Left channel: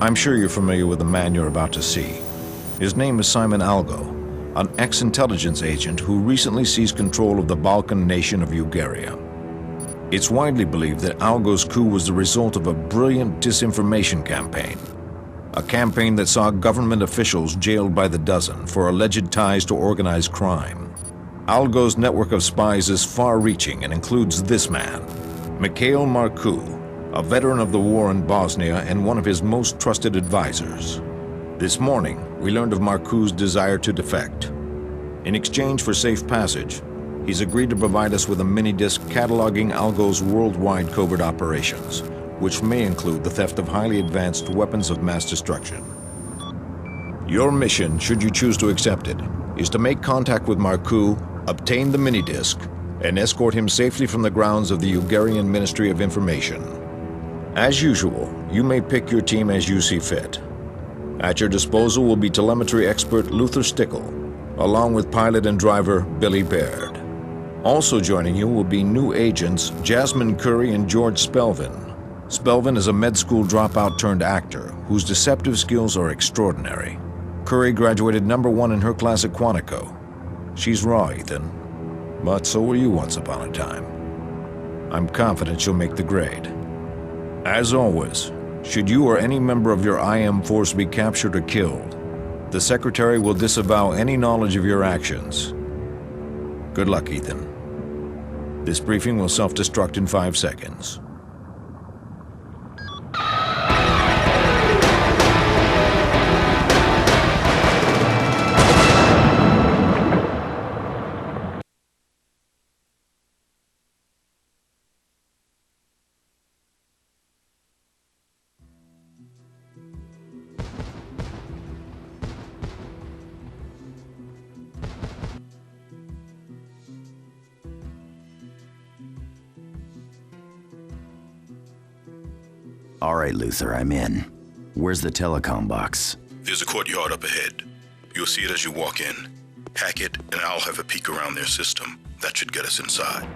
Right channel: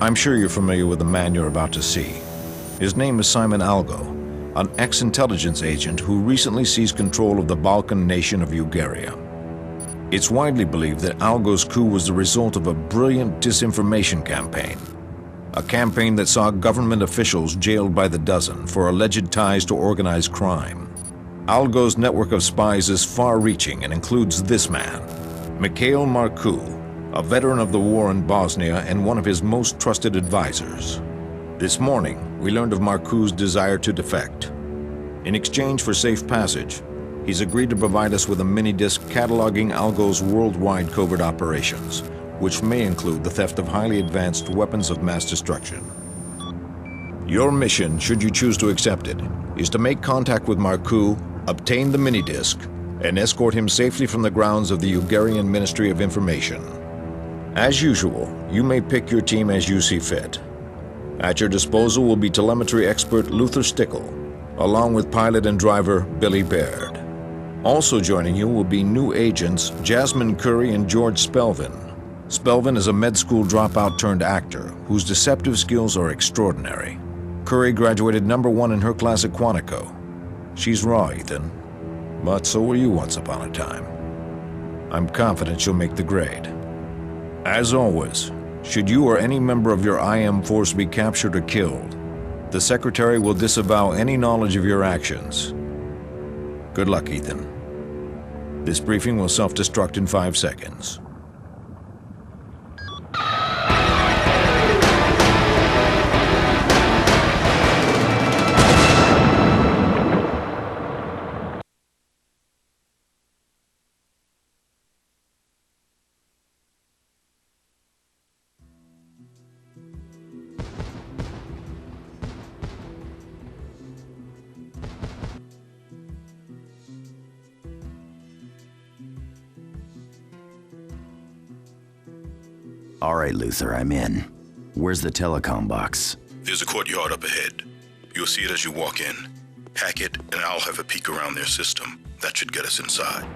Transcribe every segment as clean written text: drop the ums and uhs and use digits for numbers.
I'm sure you're familiar with the man you're about to see. His name is Simon Algo, an ex-intelligence agent who recently seized control of the Balkan nation of Bulgaria. It's widely believed that Algo's coup was the result of a brilliant disinformation campaign. A campaign that saw government officials jailed by the dozen for alleged ties to organized crime. Algo's network of spies is far-reaching and includes this man, Mikhail Marcu, a veteran of the war in Bosnia and one of his most trusted advisors. This morning, we learned of Marcu's desire to defect. In exchange for safe passage, he's agreed to provide us with a mini-disc cataloging Algo's worldwide covert operations, which may include the theft of highly advanced weapons of mass destruction. Your mission, should you choose to accept it, is to make contact with Marcu, obtain the mini-disc, and escort him safely from the grounds of the Bulgarian Ministry of Information. As usual, you may pick your team as you see fit. At your disposal will be telemetry expert Luther Stickle, along with pilot and driver Billy Baird. Also joining you will be new agents Jasmine Curry and George Spelvin. Spelvin is a med school dropout turned actor whose deceptive skills are extraordinary. Curry graduated #1 in her class at Quantico. She's raw, Ethan, but so were you once upon a time. I'm confident she'll make the grade. As always, should you or any member of your IM force be captured or killed, the Secretary will disavow any knowledge of your actions. Good luck, Ethan. This briefing will self-destruct in 5 seconds. All right, Luther, I'm in. Where's the telecom box? There's a courtyard up ahead. You'll see it as you walk in. Hack it, and I'll have a peek around their system. That should get us inside.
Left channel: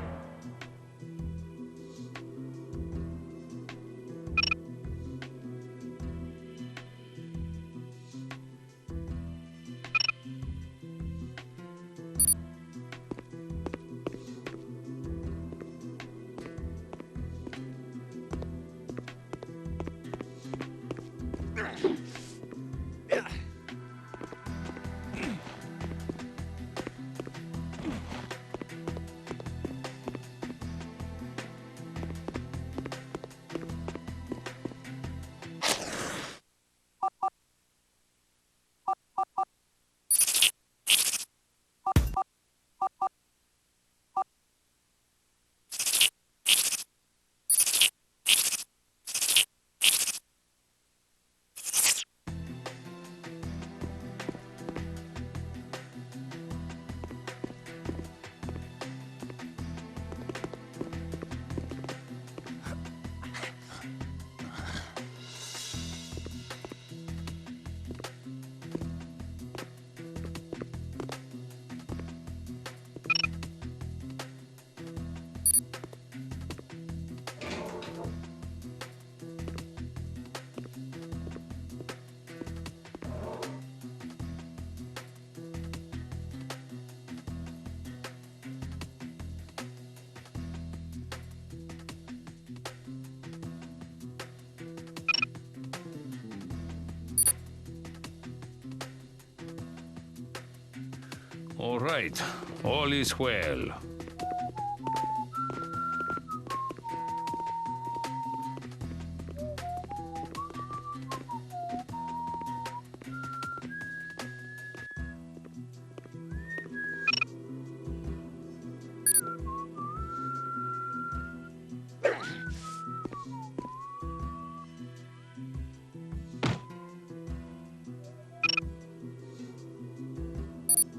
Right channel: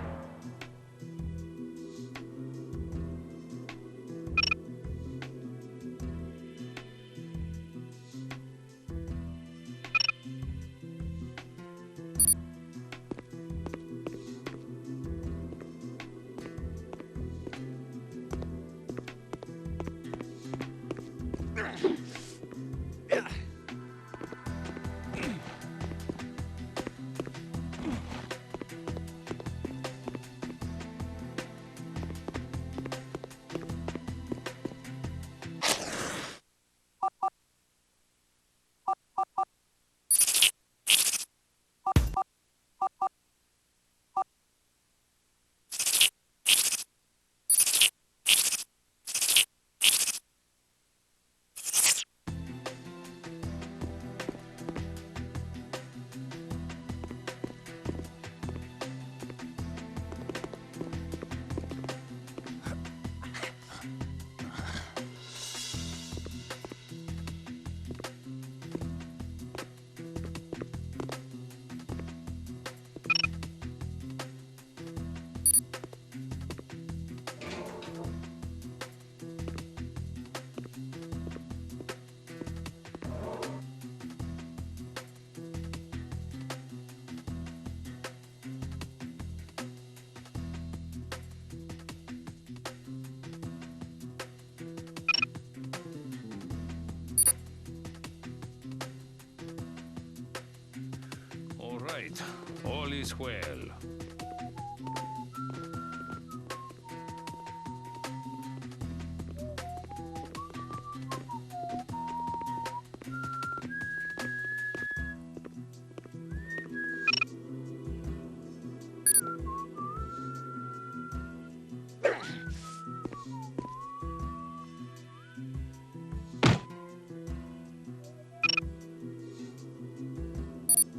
All right, all is well.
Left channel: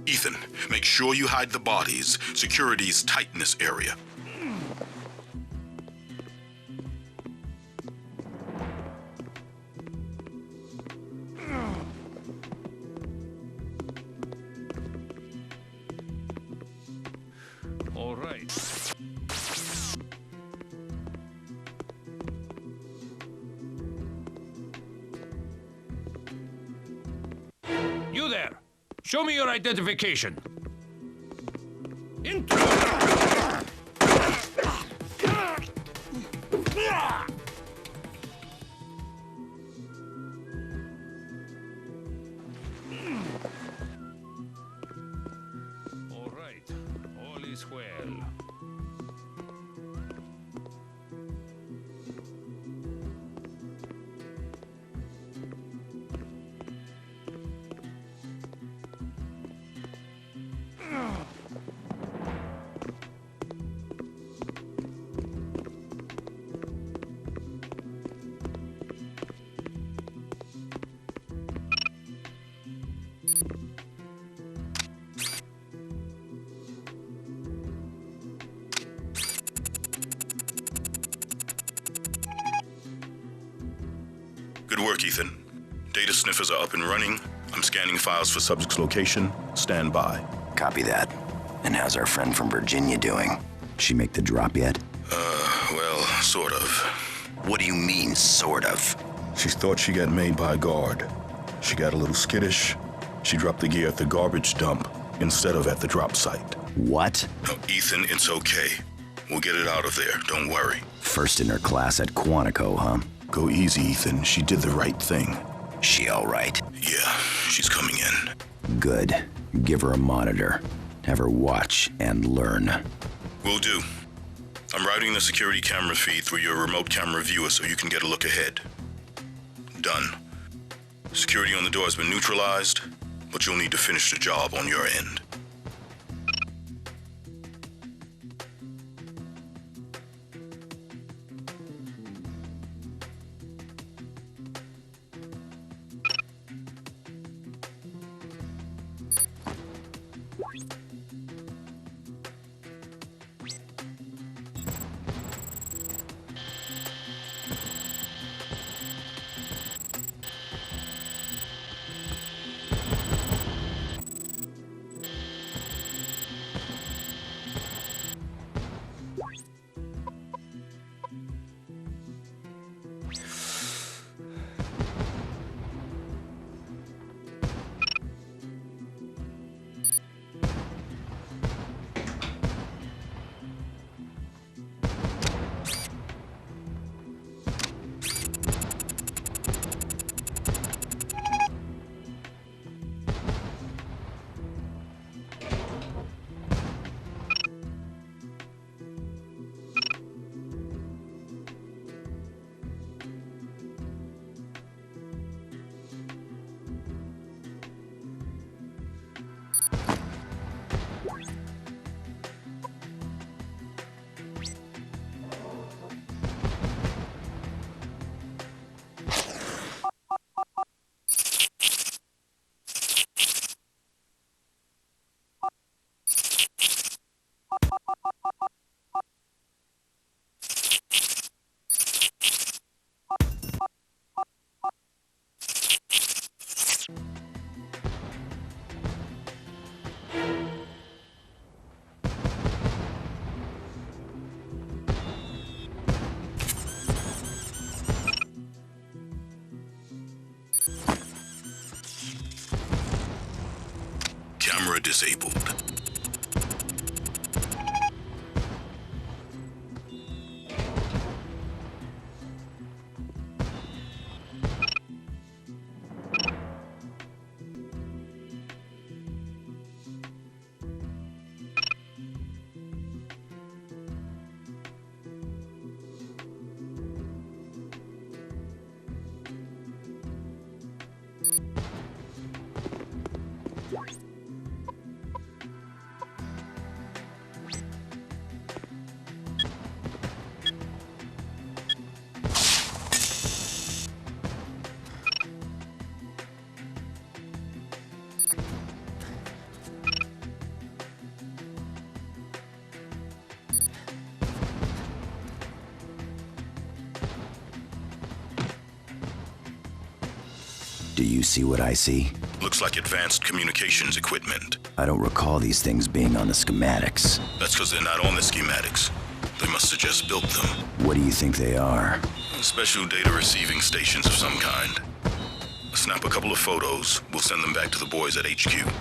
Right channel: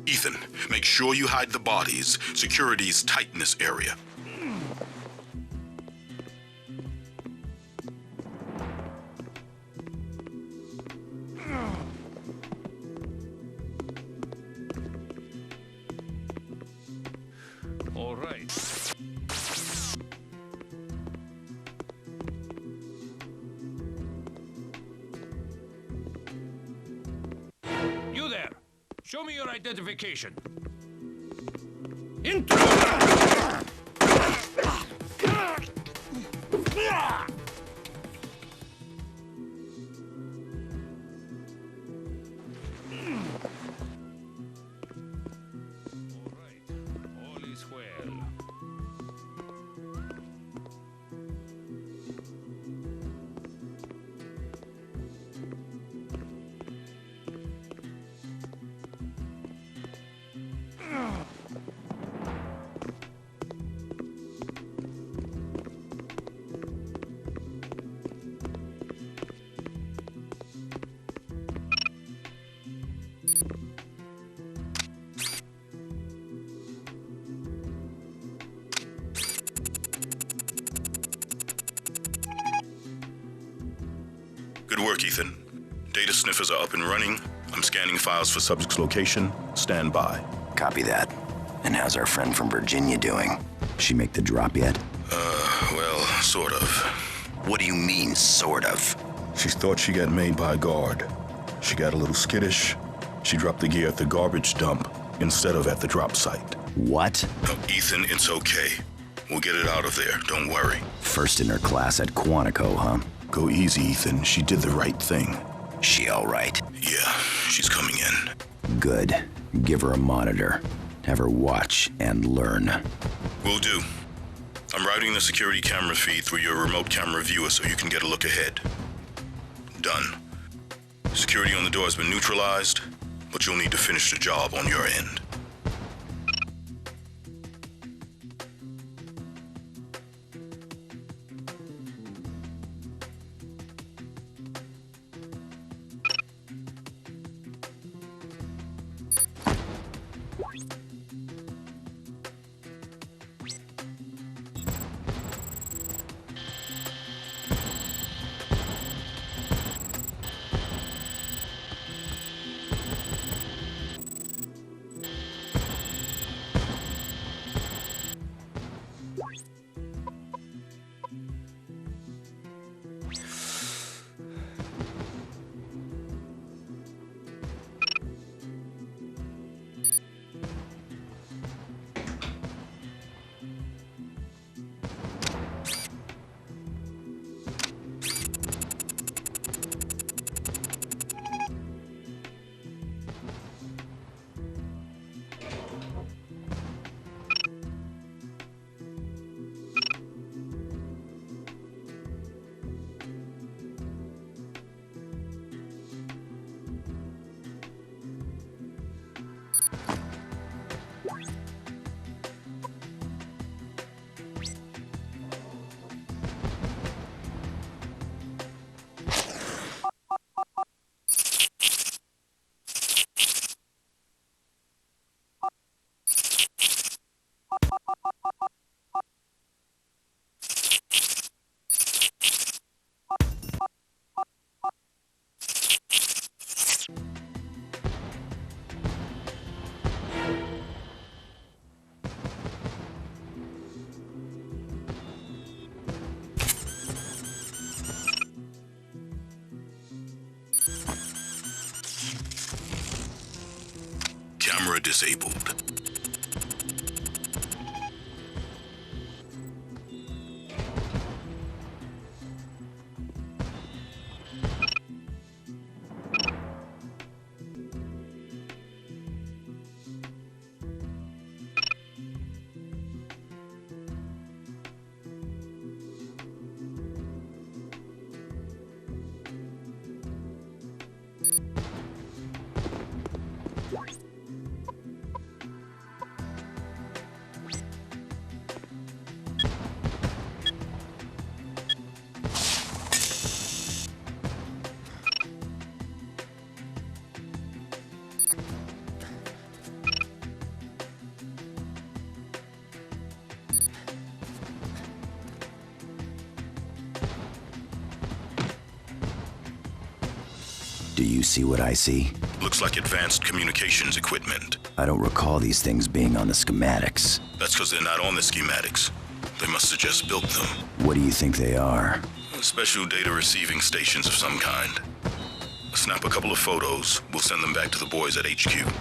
Ethan, make sure you hide the bodies. Security's tight in this area. Show me your identification. Intruder! All right, all is well. Good work, Ethan. Data sniffers are up and running. I'm scanning files for subject's location. Stand by. Copy that. And how's our friend from Virginia doing? She make the drop yet? Well, sort of. What do you mean, sort of? She thought she got made by a guard. She got a little skittish. She dropped the gear at the garbage dump instead of at the drop site. What? No, Ethan, it's okay. We'll get it out of there, don't worry. First in her class at Quantico, huh? Go easy, Ethan. She did the right thing. She all right? Yeah, she's coming in. Good. Give her a monitor. Have her watch and learn. Will do. I'm routing the security camera feed through your remote camera viewer so you can get a look ahead. Done. Security on the door has been neutralized, but you'll need to finish the job on your end. Camera disabled. Do you see what I see? Looks like advanced communications equipment. I don't recall these things being on the schematics. That's because they're not on the schematics. They must have just built them. What do you think they are? Special data receiving stations of some kind. Snap a couple of photos. We'll send them back to the boys at HQ.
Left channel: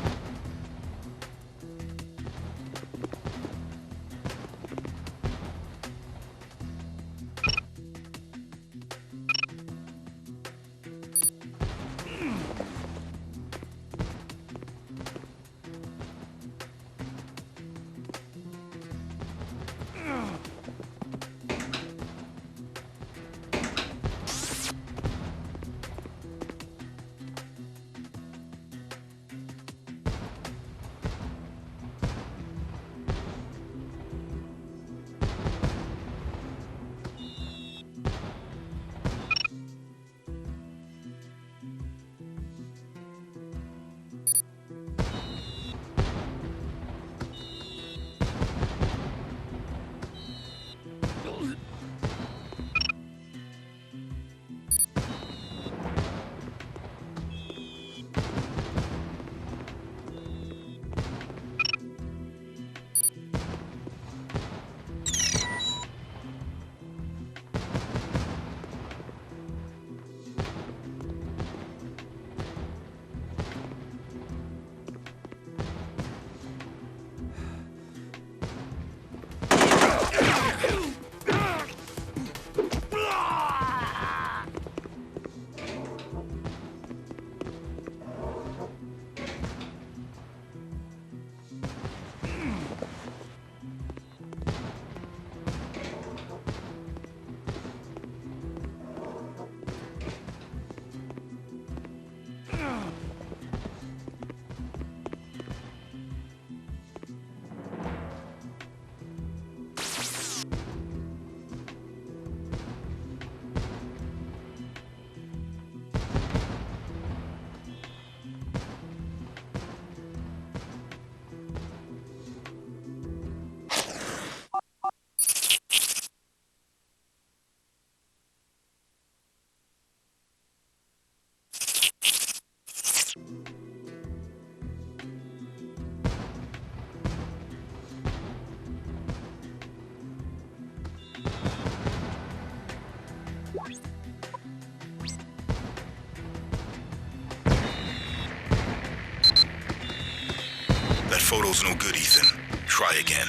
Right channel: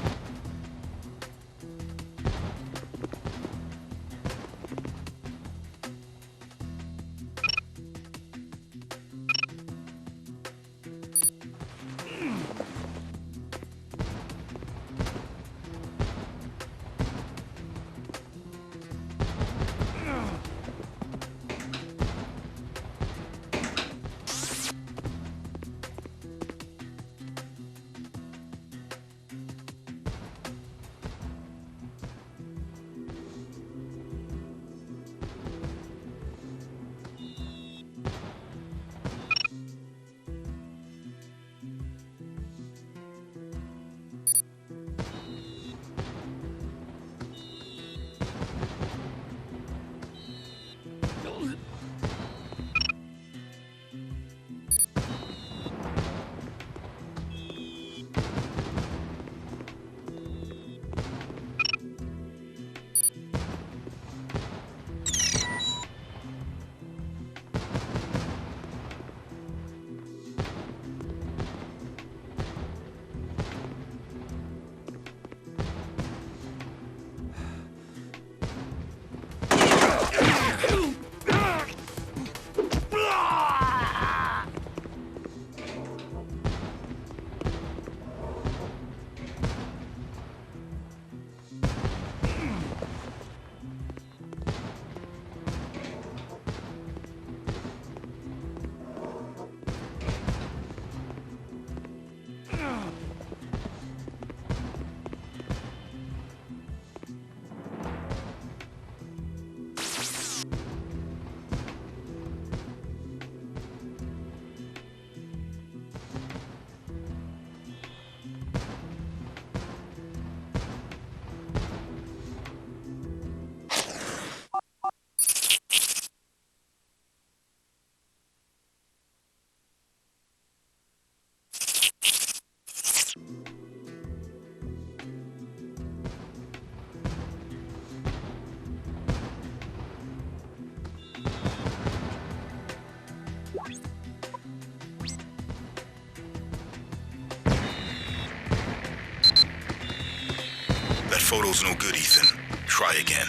photo's no good, Ethan. Try again.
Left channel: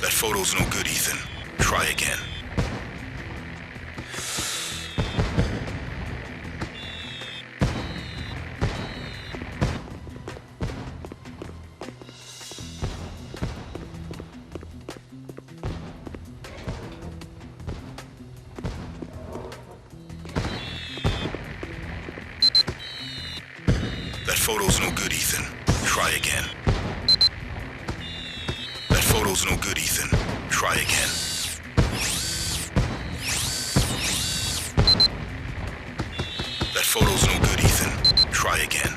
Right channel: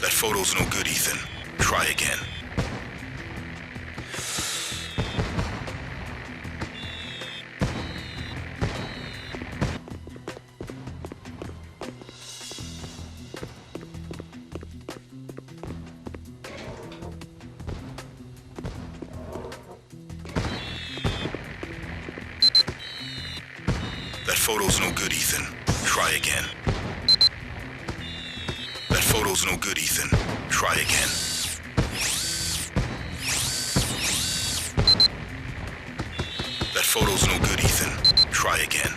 That photo's no good, Ethan. Try again. That photo's no good, Ethan. Try again. That photo's no good, Ethan. Try again. That photo's no good, Ethan. Try again.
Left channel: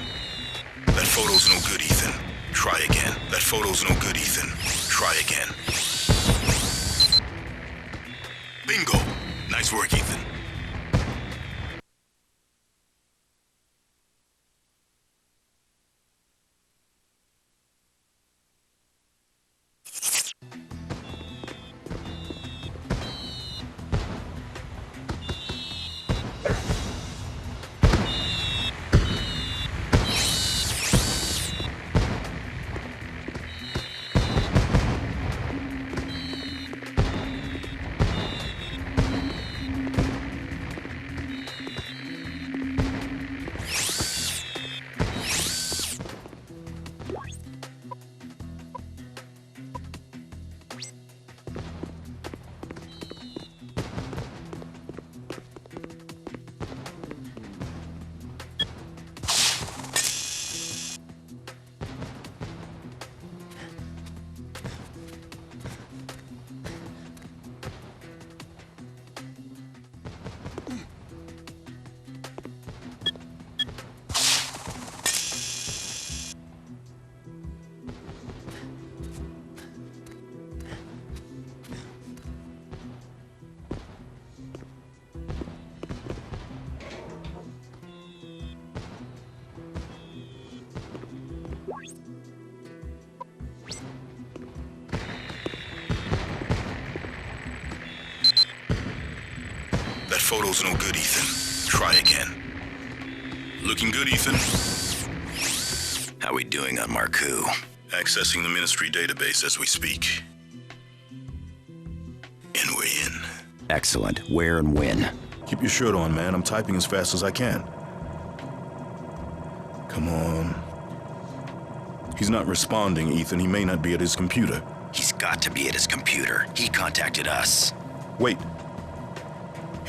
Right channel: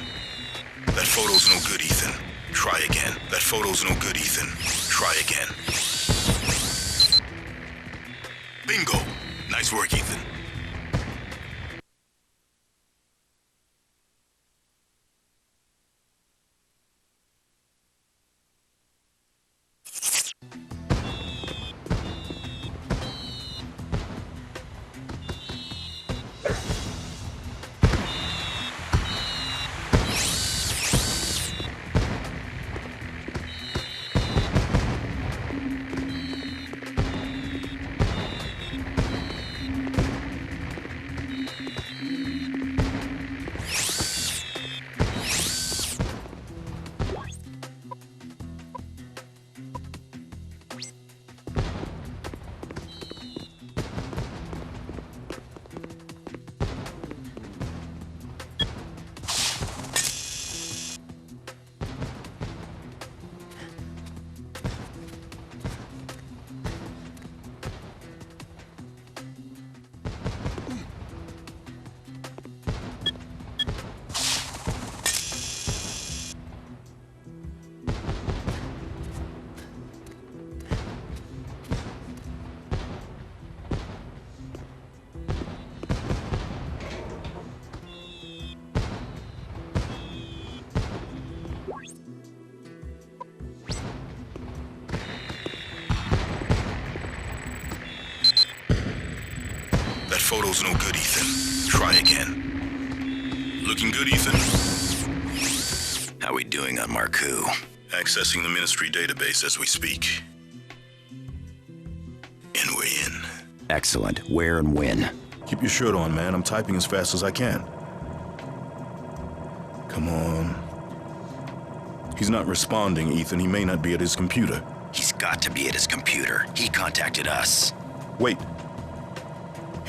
That photo's no good, Ethan. Try again. That photo's no good, Ethan. Try again. Bingo! Nice work, Ethan. That photo's no good, Ethan. Try again. Looking good, Ethan? How we doing on Marku? Accessing the Ministry database as we speak. And we're in. Excellent. Where and when? Keep your shirt on, man. I'm typing as fast as I can. Come on. He's not responding, Ethan. He may not be at his computer. He's got to be at his computer. He contacted us. Wait.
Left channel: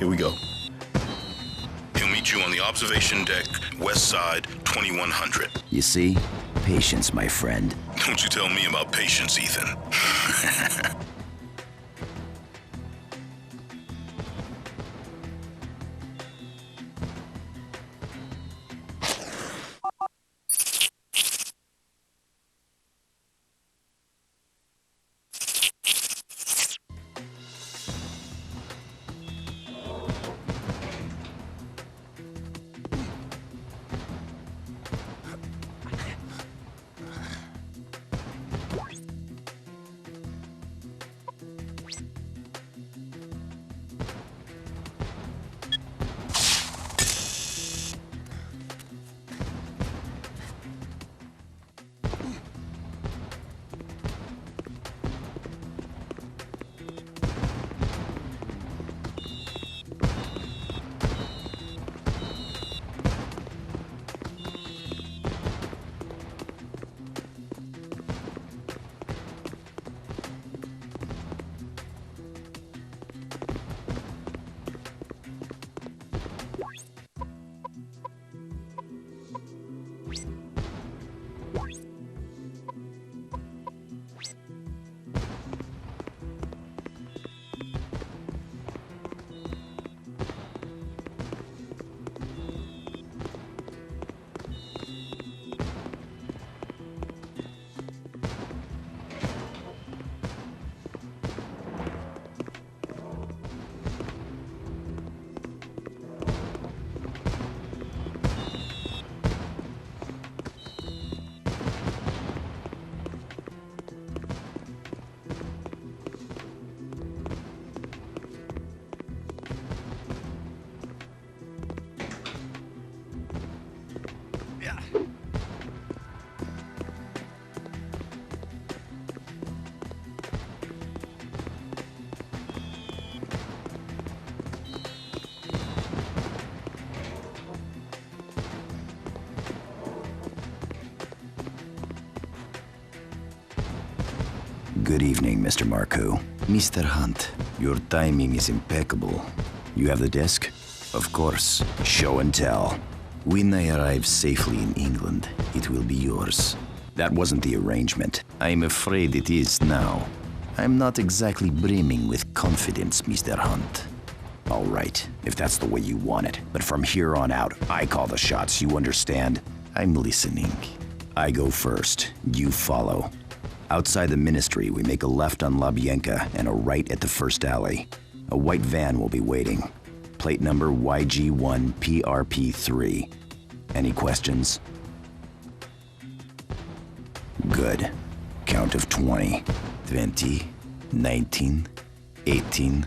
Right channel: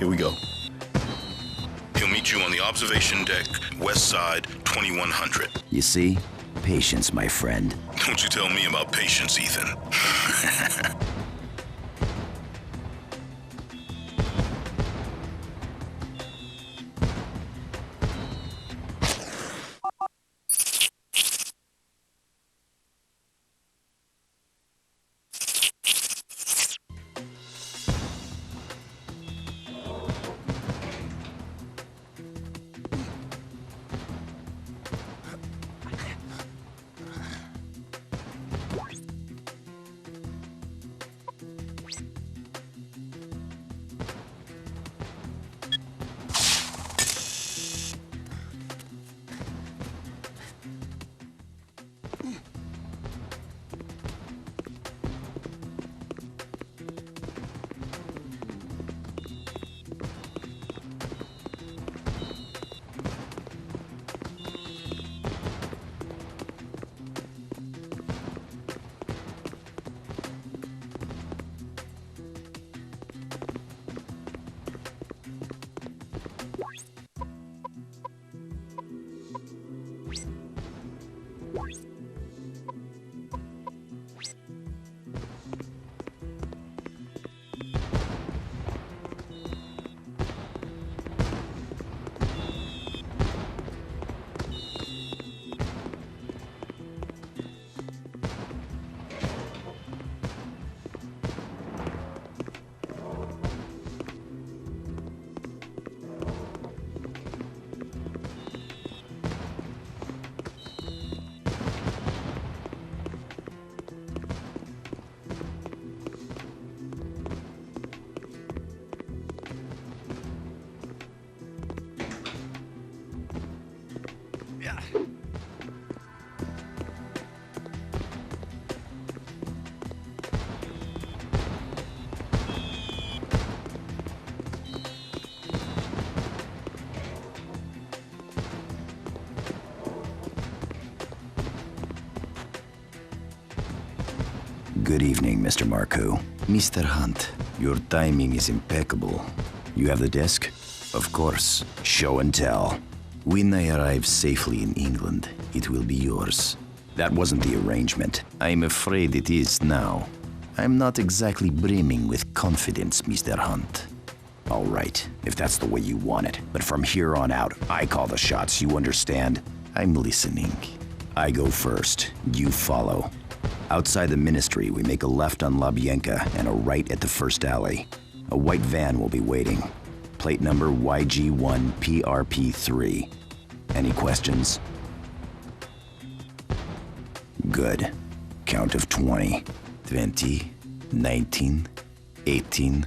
Here we go. He'll meet you on the observation deck, west side, 2100. You see? Patience, my friend. Don't you tell me about patience, Ethan. Good evening, Mr. Marcoux. Mr. Hunt, your timing is impeccable. You have the disc? Of course. Show and tell. When I arrive safely in England, it will be yours. That wasn't the arrangement. I'm afraid it is now. I'm not exactly brimming with confidence, Mr. Hunt. All right, if that's the way you want it. But from here on out, I call the shots, you understand? I'm listening. I go first, you follow. Outside the ministry, we make a left on Labienka and a right at the first alley. A white van will be waiting. Plate number YG1PRP3. Any questions? Good. Count of 20. 20, 19, 18.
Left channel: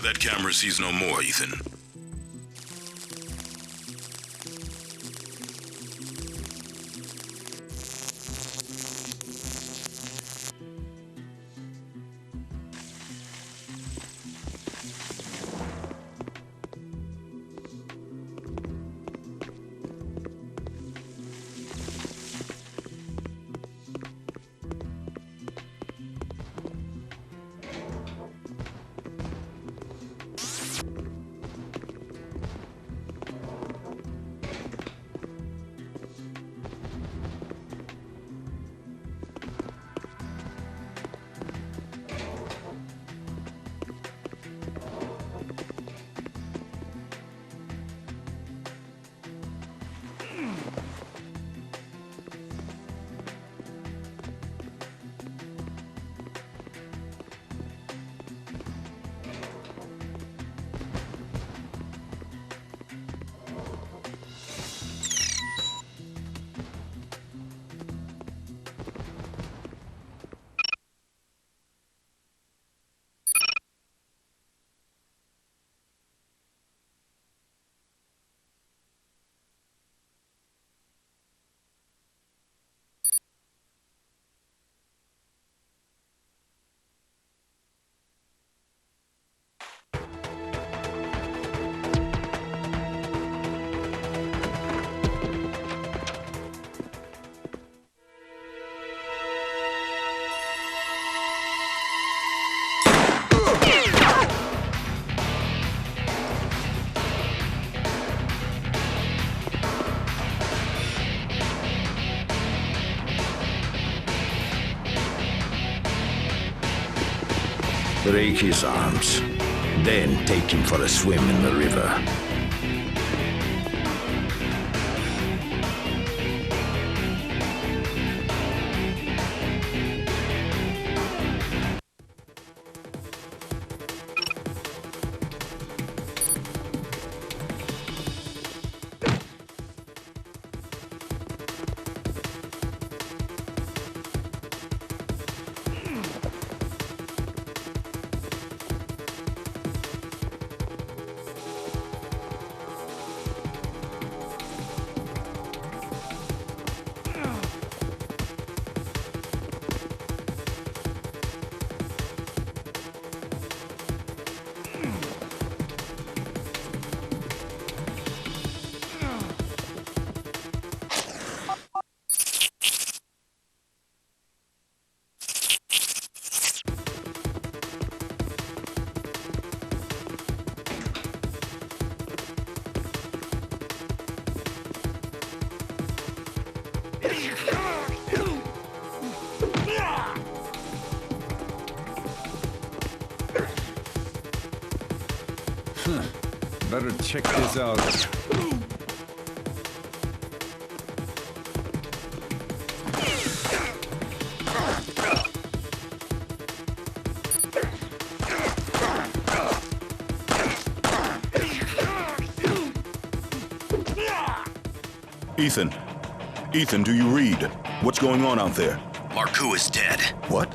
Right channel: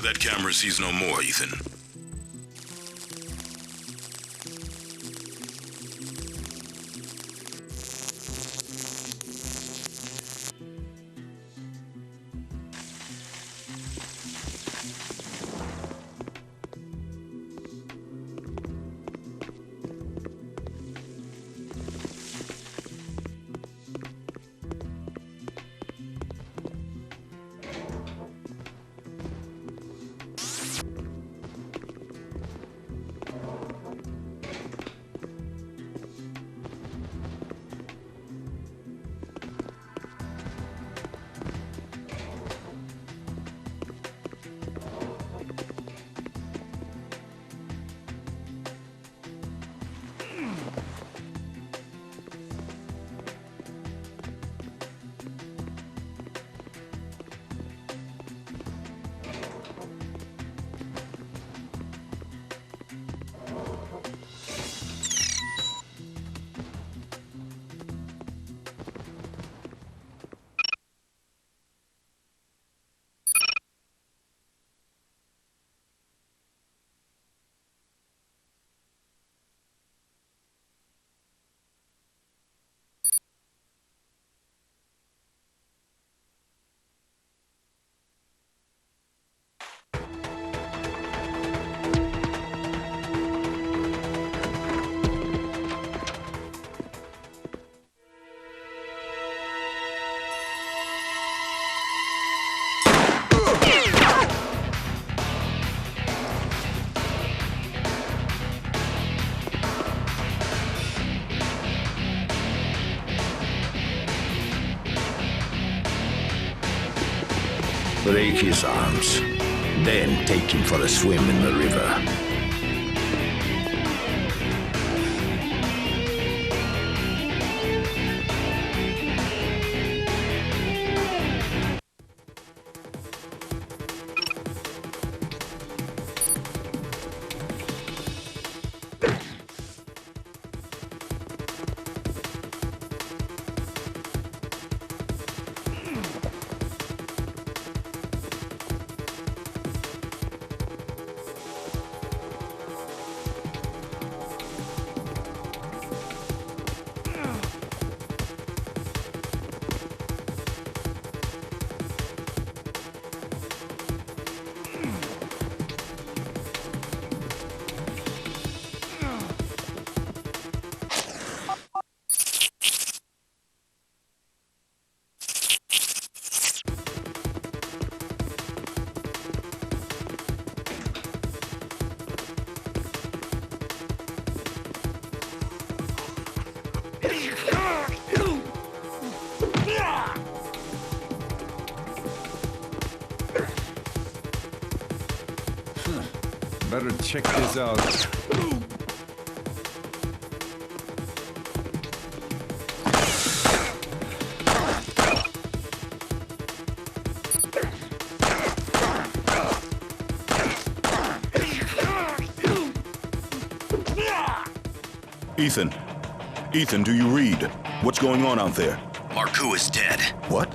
That camera sees no more, Ethan. Break his arms. Then take him for a swim in the river. Better check this out. Ethan. Ethan, do you read? What's going on out there? Marcoux is dead. What?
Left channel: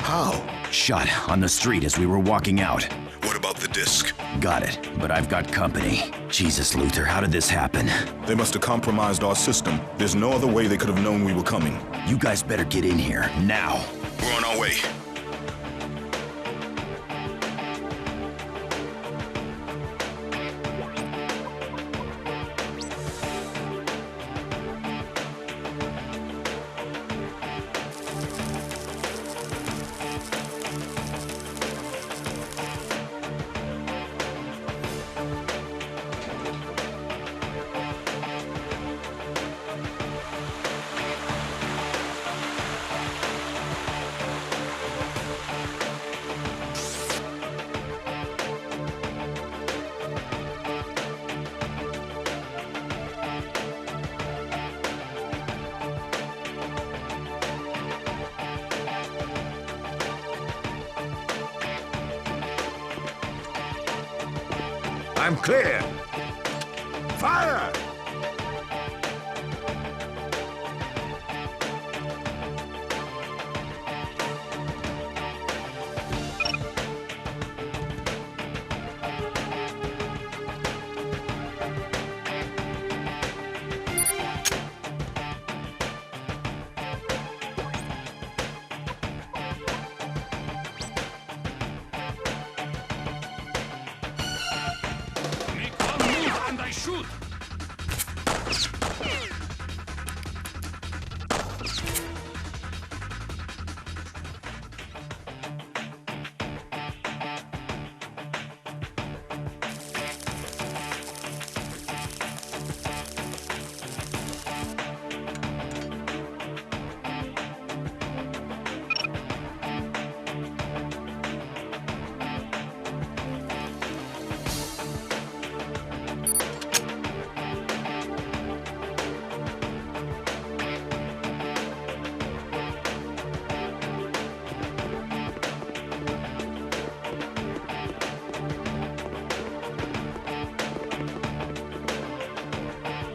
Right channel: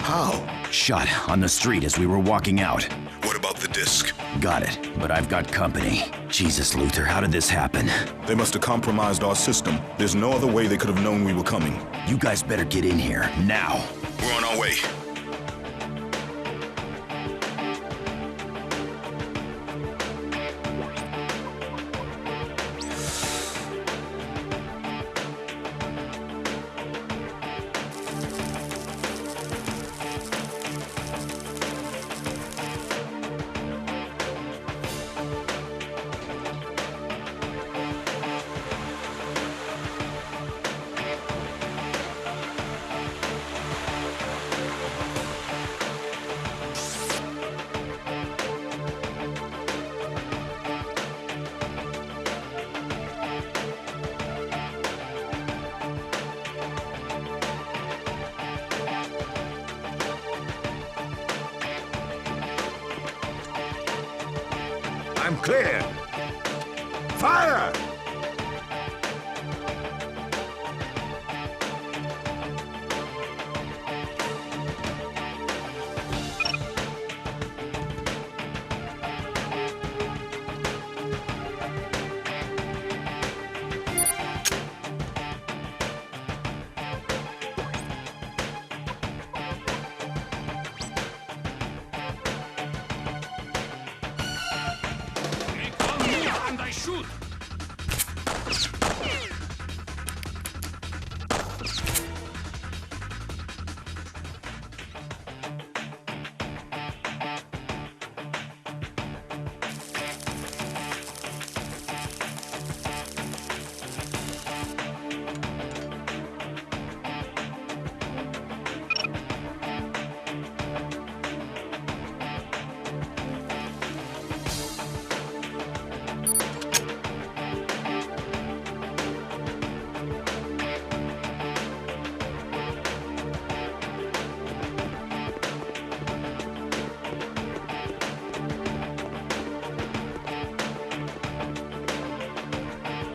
How? Shot on the street as we were walking out. What about the disc? Got it, but I've got company. Jesus, Luther, how did this happen? They must have compromised our system. There's no other way they could have known we were coming. You guys better get in here, now. We're on our way. I'm clear. Fire! Make one move and I shoot.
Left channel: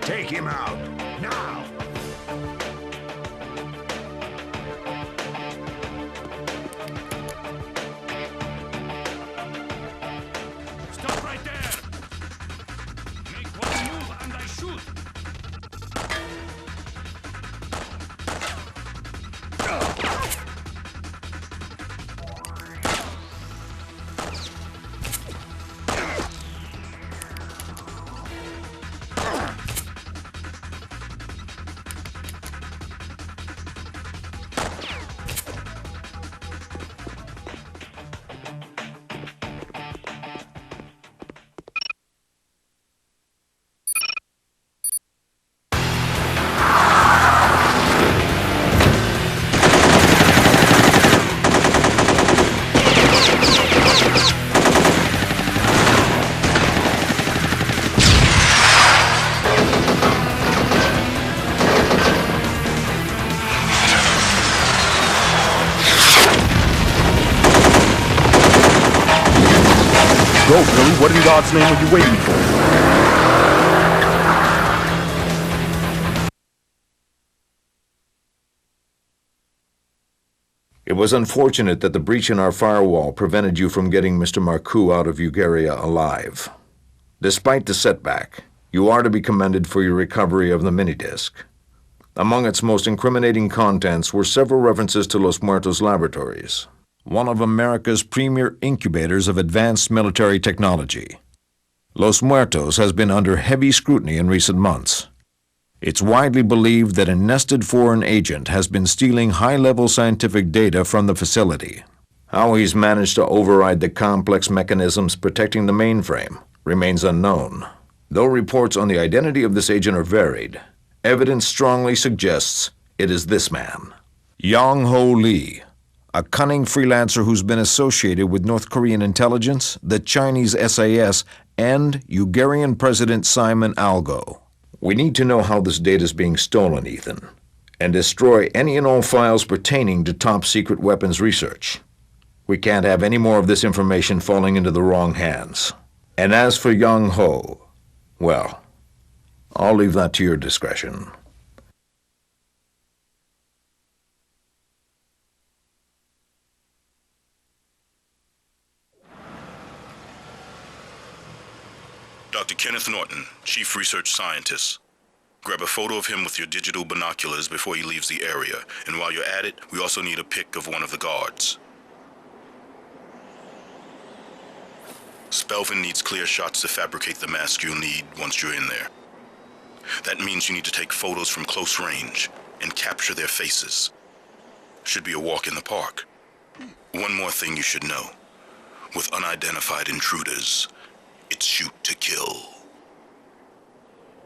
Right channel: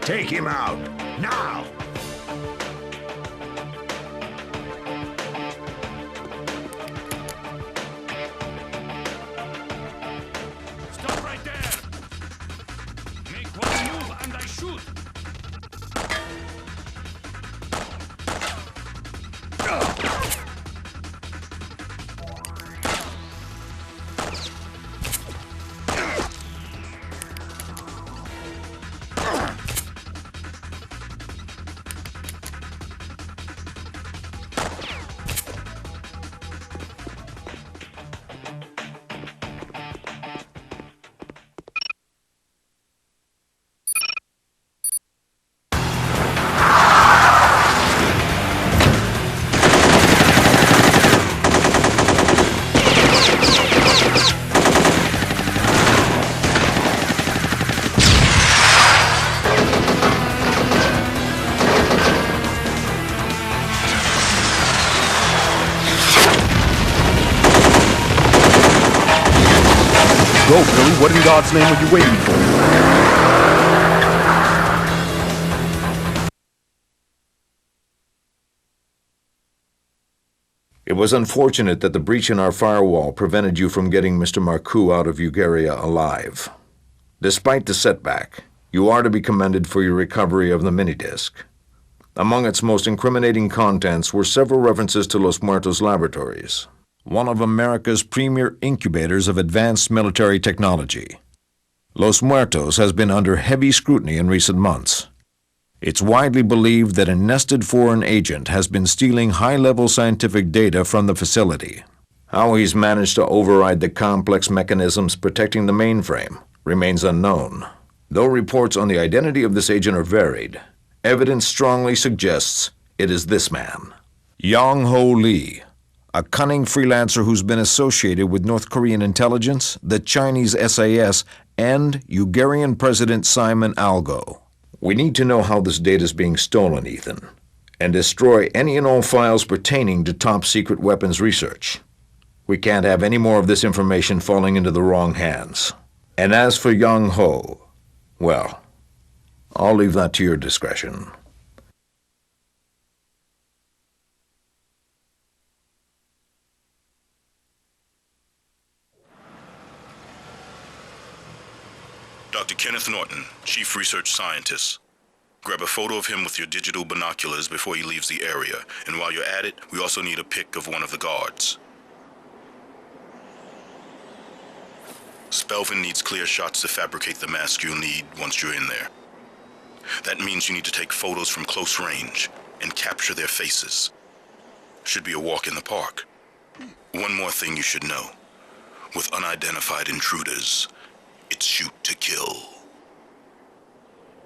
Take him out, now! Stop right there. Make one move and I shoot. Go, Billy. What in God's name are you waiting for? It was unfortunate that the breach in our firewall prevented you from getting Mr. Marcoux out of Ugaria alive. Despite the setback, you are to be commended for your recovery of the minidisc. Among its most incriminating contents were several references to Los Muertos Laboratories, one of America's premier incubators of advanced military technology. Los Muertos has been under heavy scrutiny in recent months. It's widely believed that a nested foreign agent has been stealing high-level scientific data from the facility. How he's managed to override the complex mechanisms protecting the mainframe remains unknown. Though reports on the identity of this agent are varied, evidence strongly suggests it is this man, Yang-Ho Lee, a cunning freelancer who's been associated with North Korean intelligence, the Chinese SAS, and Ugarian President Simon Algo. We need to know how this data is being stolen, Ethan, and destroy any and all files pertaining to top-secret weapons research. We can't have any more of this information falling into the wrong hands. And as for Yang-Ho, well, I'll leave that to your discretion. Dr. Kenneth Norton, Chief Research Scientist. Grab a photo of him with your digital binoculars before he leaves the area. And while you're at it, we also need a pic of one of the guards. Spelvin needs clear shots to fabricate the mask you'll need once you're in there. That means you need to take photos from close range and capture their faces. Should be a walk in the park. One more thing you should know. With unidentified intruders,